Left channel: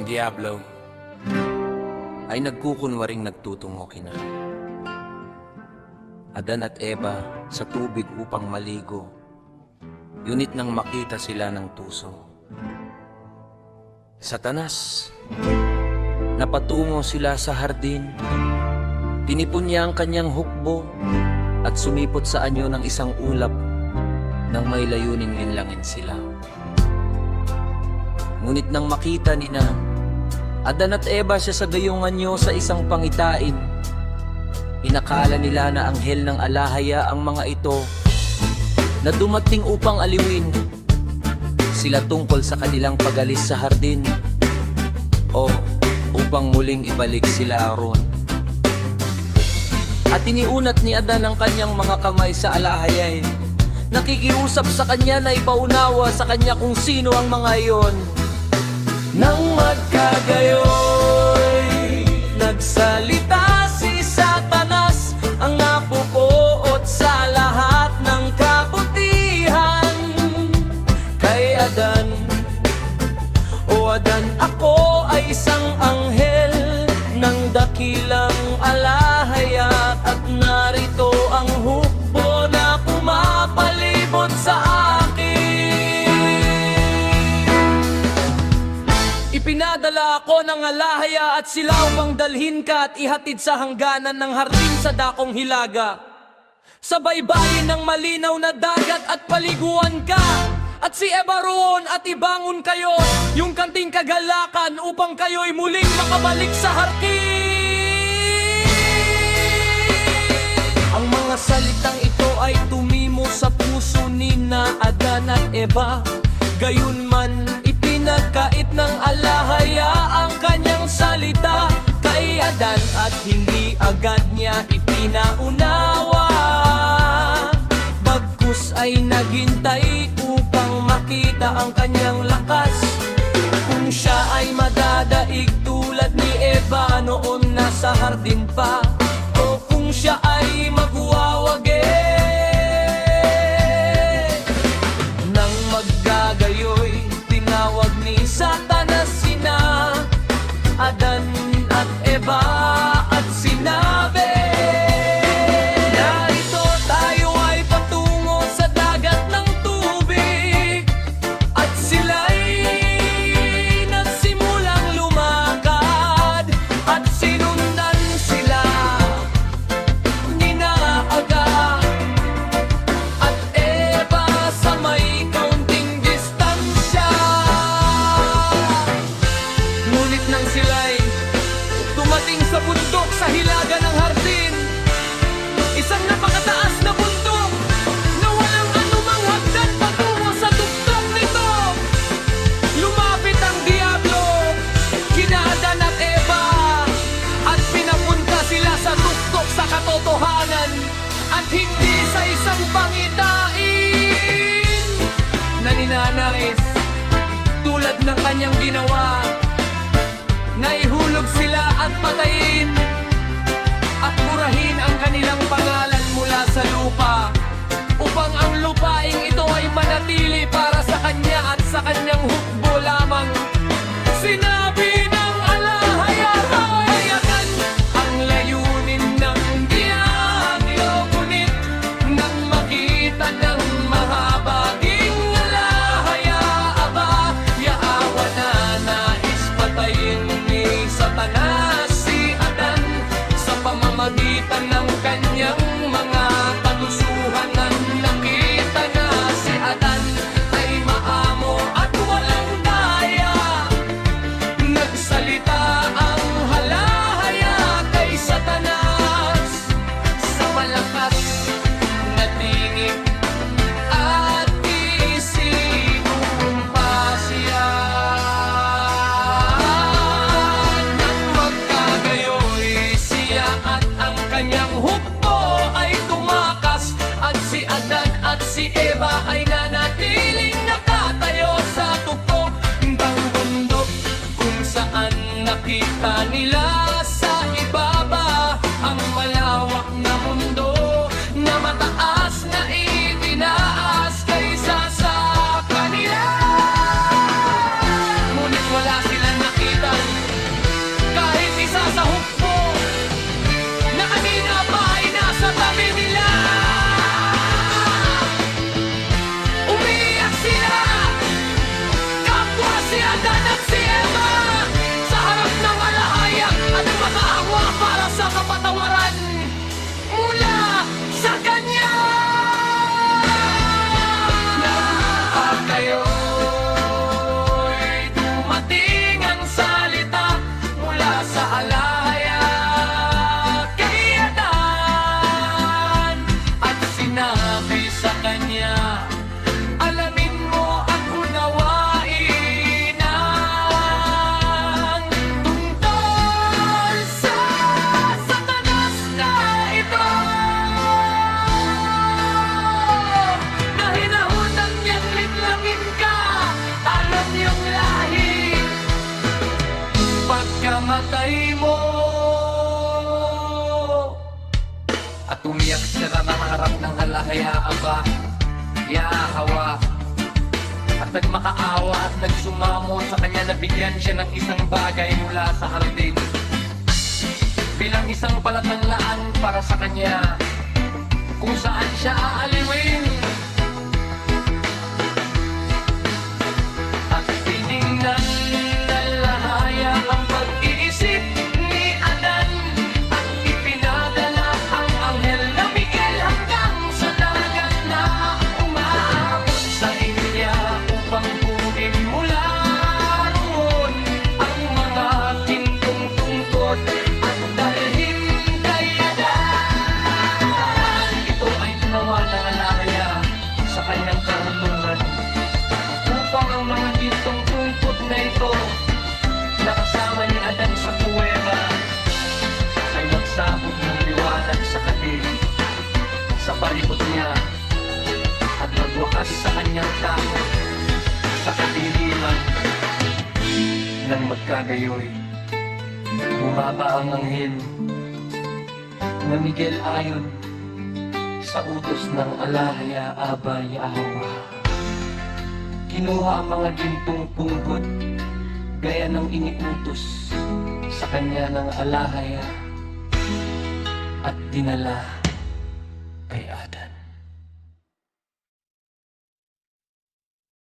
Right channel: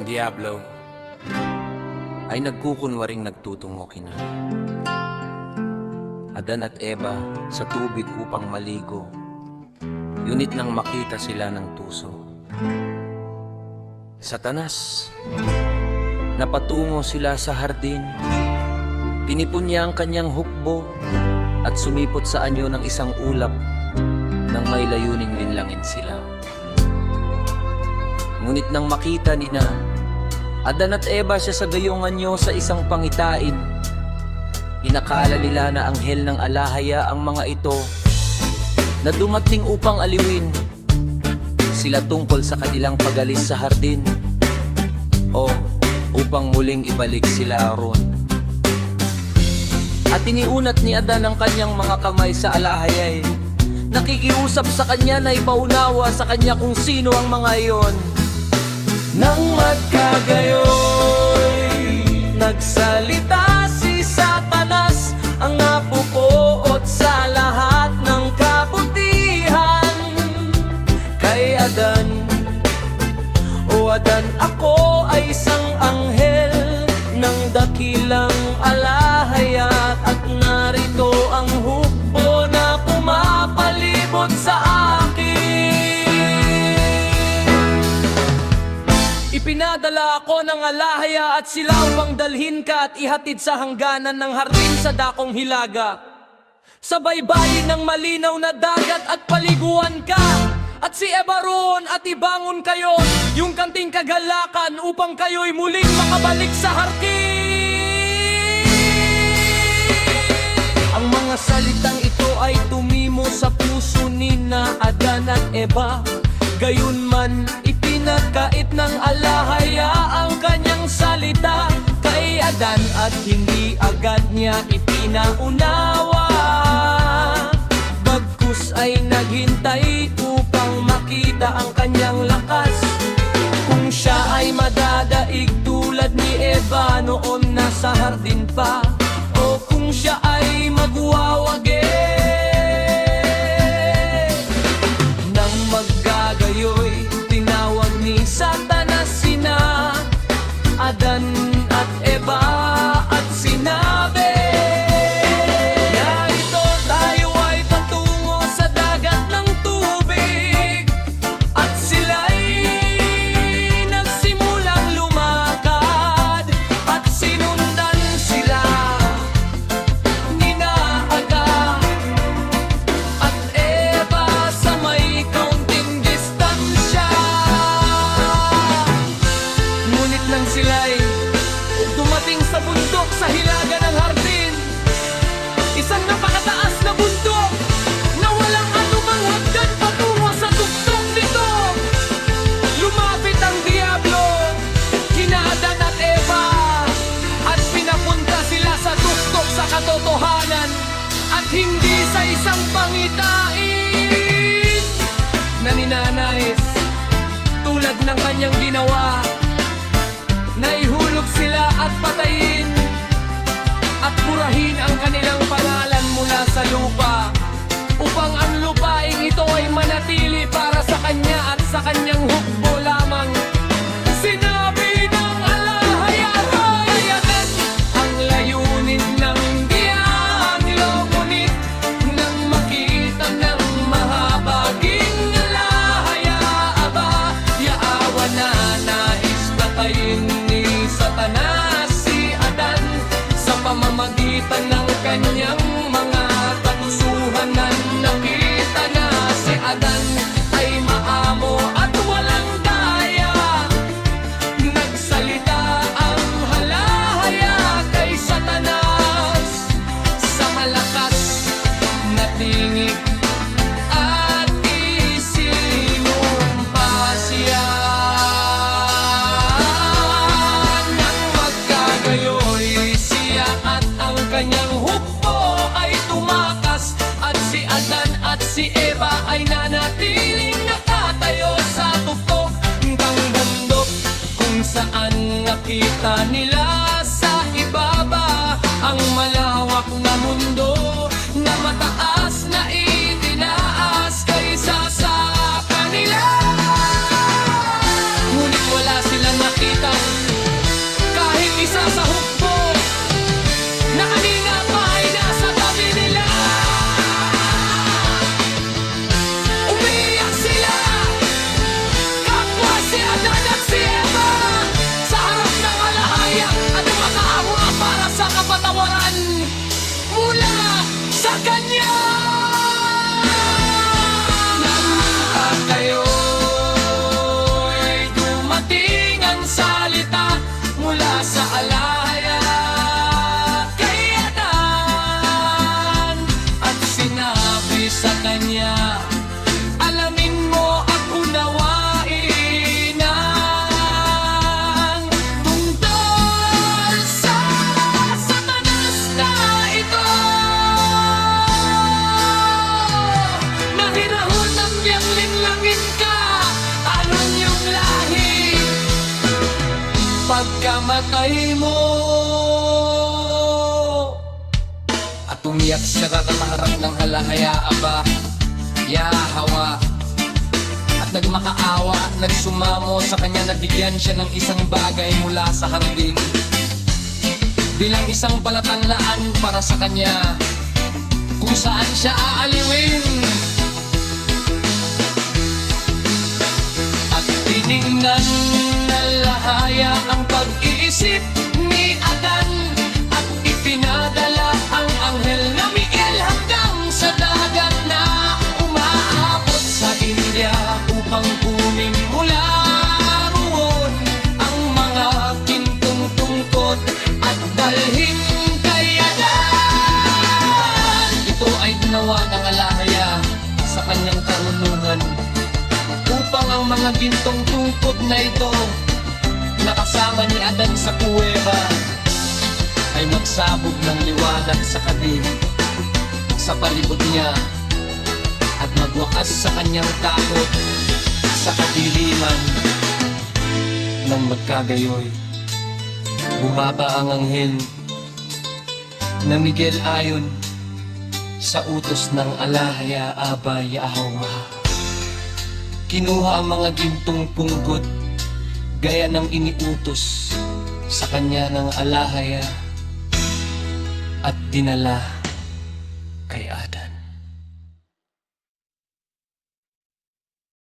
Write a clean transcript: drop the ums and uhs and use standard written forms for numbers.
Ang Diablo ay nagkukunwaring nagtutungo kina Adan at Eva sa tubig upang maligo, yunit nang makita sila ng tuso. Satanas, napatungo sila sa hardin, tinipon niya ang kanyang hukbo at sumipot sa anyo ng isang ulap nang may layuning linlangin sila. Ngunit nang makita ni Adan at Eva siya sa gayungan niyo sa isang pangitain, inakala nila na anghel ng alahaya ang mga ito na dumating upang aliwin sila tungkol sa kanilang pagalis sa hardin o upang muling ibalik sila aron. At iniunat ni Adan ang kanyang mga kamay sa alahayay, nakikiusap sa kanya na ipaunawa sa kanya kung sino ang mga iyon. Nang magkagayoy, nagsalita si Satanas, ang napupuot sa lahat ng kabutihan. Kay Adan, o Adan, ako ay isang anghel ng dakilang alahaya, at narito ang hukbo na pumapalibot sa akin. Ipinadala ako ng alahaya at sila upang dalhin ka at ihatid sa hangganan ng hardin sa dakong hilaga, sa baybayin ng malinaw na dagat, at paliguan ka. At si Eva roon at ibangon kayo yung kanting kagalakan upang kayo'y muling makabalik sa hardin. Ang mga salitang ito ay tumimo sa puso ni Adan at Eva, gayunman ipinagkait ng alahaya ang kanyang salita kay Adan at hindi agad niya ipinaunawa. Bagkus ay naghintay upang makita ang kanyang lakas, kung siya ay madadaig tulad ni Eva noon nasa hardin pa, o kung siya ay magwawagi. Nang maggagayoy, tinawag ni Satanas sina Adan at Eva at sinabi, narito tayo ay patungo sa dagat ng tubig. At sila'y nagsimulang lumakad at sinundan sila ni Aga at Eva sa may kaunting distansya. Ngunit nang sila'y dumating sa bundok sa hilaga ng hardin, isang napakataas na bundok na walang anumang hagdan patungo sa tuktok nito, lumapit ang Diablo kina Adan at Eva at pinapunta sila sa tuktok sa katotohanan, at hindi sa isang pangitain na ninanais tulad ng kanyang ginawa, na ihulog sila at patayin at purahin ang kanilang pangalan mula sa lupa, upang ang lupaing ito ay manatili para sa kanya at sa kanyang hukbo lamang. Sinabi ng alahaya, hayagan ang layunin ng Diablo, ngunit nang makita ng mahabaging alahaya, aba, yaawa na nais patayin ni Satanas si Adan sa pamamagitan ng kanyang mga katusuhan. Nakita na si Adan ay maamo at walang daya, nagsalita ang halahaya kay Satanas sa malakas na tingig at isinumpa siya. Nang magkagayoy siya at ang kanyang hukbo ay tumakas, at si Adan at si Eva ay nanatiling nakatayo sa tuktok ng bundok, kung saan nakita nila sa ibaba ang malawak na mundo na mataas na itinaas kaysa sa kanila. Ngunit wala silang nakita sinabi sa kanya, alamin mo at unawain ang tungkol sa Satanas na ito. Nahirahon ng niyang linlangin ka, tarong yung lahi, pagkamatay mo. At umiyak siya na maharap ng halahaya, aba, Yahawa. At nagmakaawa at nagsumamo sa kanya, nabigyan siya ng isang bagay mula sa hardin, bilang isang palatandaan para sa kanya kung saan siya aaliwin. At tiningnan na lahaya ang pag-iisip ni Adan, at ipinadala ang anghel na Miguel hanggang sa dagat na umaabot sa India, upang kunin mula roon ang mga kintong tungkod at dalhin kay Adan. Ito ay ginawa ng alahaya sa kanyang karunungan, upang ang mga gintong tungkod na ito nakasama ni Adan sa kuweba ay magsabog ng liwanag sa kadi sa palibot niya, at magwakas sa kanyang takot sa kadiliman. Nang magkagayoy, bumaba ang anghel na Miguel ayon sa utos ng alahaya, aba, Yahawa. Kinuha ang mga gintong punggod gaya ng iniutos sa kanya ng alahaya at dinala